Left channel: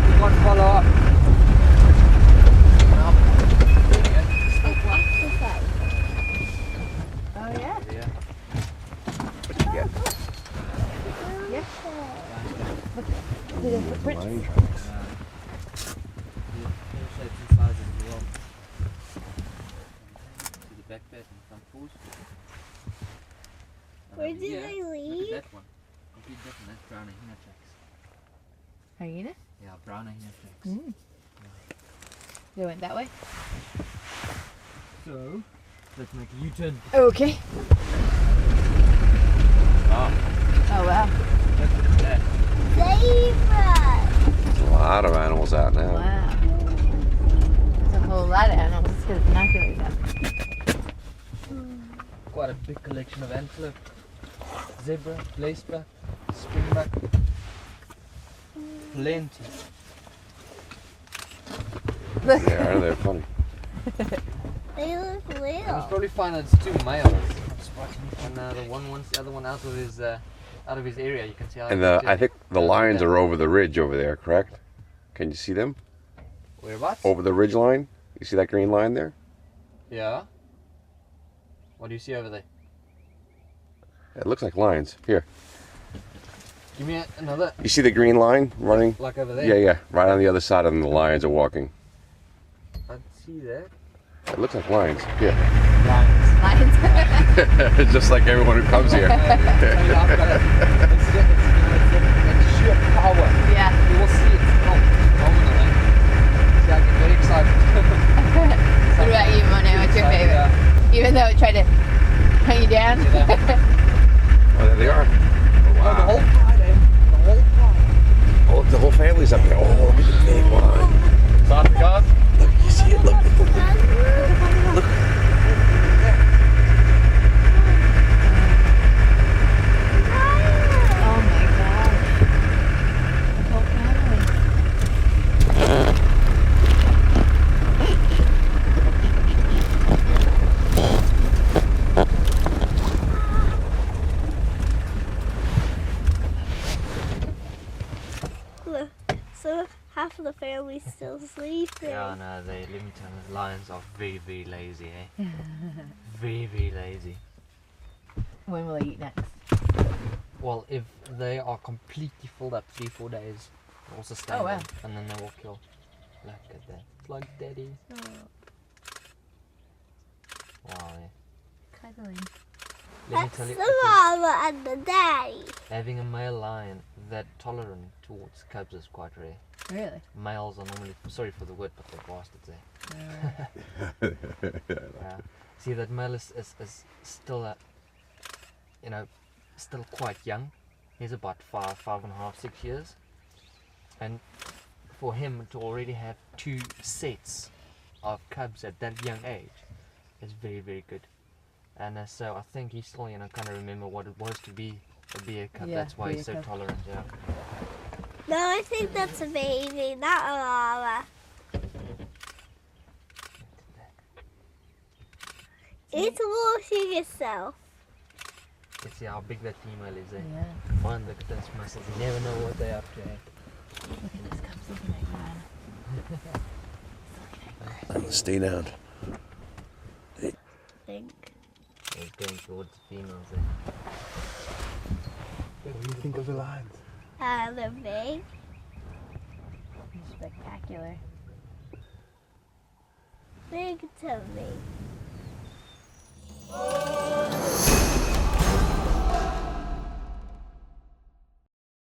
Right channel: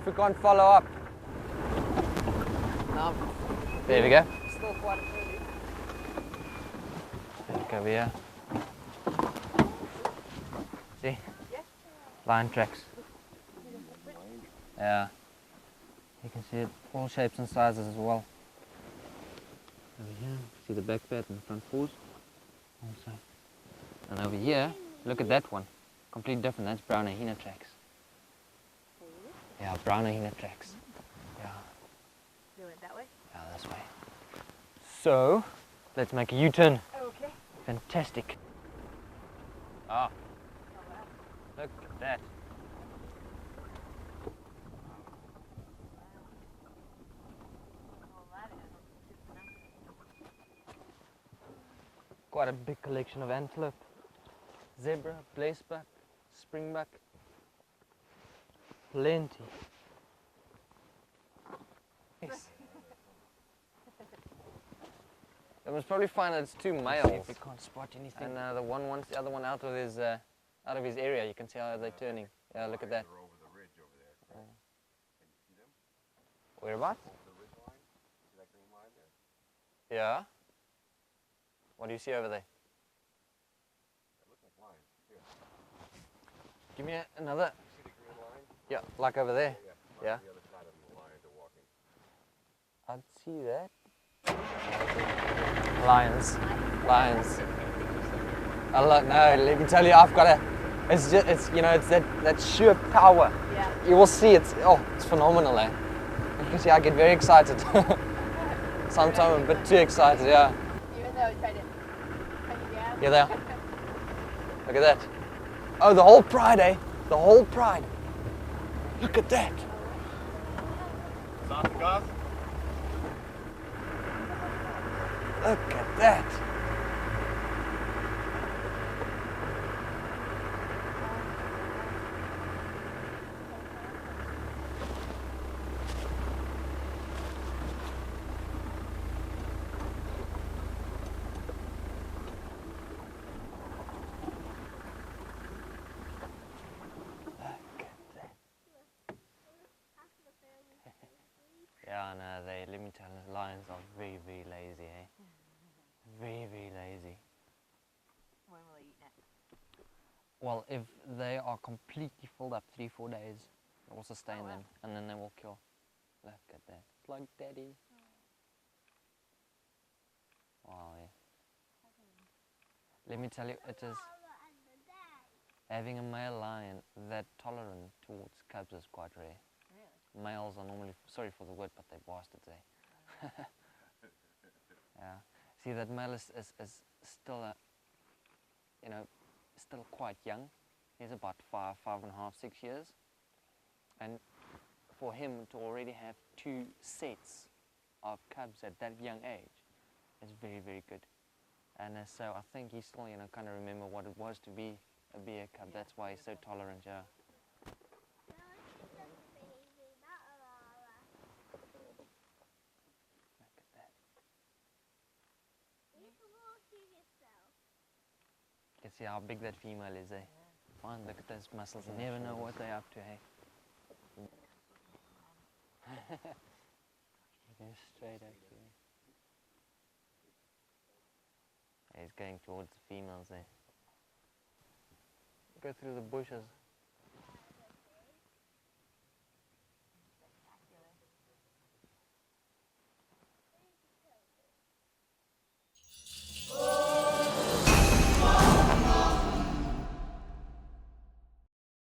if you can't follow up. Up. There we go. Oh yeah? Over here. Hey. Yeah. Lion tracks. Did it footprints? Yeah. See all shapes and sizes as well. Over here, see the back pad and the front paws. And over here, look at that one. Completely different. That's brown hyena tracks. Hyena? Yeah, brown hyena tracks. Mm. Yeah. They went that way? This way. So, let's make a U-turn. Okay. Oh, Oh wow. look at that. There's a lot of animals out now. Wow. There's a whole lot of animals. Let's get the binoculars out. Quite a big collection of antelope, zebra, laceback, springbuck. Plenty. Look. Yeah, aren't they funny? They look It was little. probably fine that it's two males. Can't spot anything. The one wants the other one out of his area. You can see how. And it's I think the lions are over the ridge over there, correct? Can you see them? Whereabouts? Over the ridge line? You see that green line there? Yeah. What do you see over there? It looks like lions. Here. Give me another. You see the green line running? Like over there. Yeah, yeah. Right on the other side of them, the lions are walking. I see that. It looks like lions. Yeah. Lions. Lions. Lions. Just like everyone who comes here. I tell you, I've got it. It's just, it's that sheer power. Yeah. You will see it's phenomenal. Eh? See, I get very excited. What about you, I get Mono? too What's your excited, favorite? Yeah. Even though it tried to hunt you down? Yeah. Look at that. Oh, the whole pride, eh? The whole pride. Oh, the whole family's out here. Oh, look at the big one. Start the cars. Look, you see it? Look. Look at that. Oh my gosh. The whole family. Look, so half of the family's still sleeping. Yeah, no, let me tell you, lions are very, very lazy, eh? Very, very lazy. When will they eat next? Well, if they are completely filled up 3-4 days, they'll sustain Oh, wow. them, and then they will kill. Look at that. It's like daddy. Wow, eh? Cuddling. Let me That's tell you, the mama and the daddy. having a male lion that tolerant towards cubs is quite rare. Really? Males are normally, sorry for the word, but they're bastards, eh? See, that male is still still quite young. He's about 5.5, 6 years. And for him to already have 2 sets of cubs at that young age is very, very good. And so I think he still, kind of remember what it was to be a bear cub. Yeah, That's why be he's a so cub. tolerant, yeah. No, I think that's a baby, not a mama. It's washing itself. You see how big that female is, eh? Yeah. Man, look at those muscles. You never know what they're up to, eh? Look at this cub's looking like that. Stay down. He's going towards the females, eh? What do you think of the lions? They're big. Spectacular. Big to me.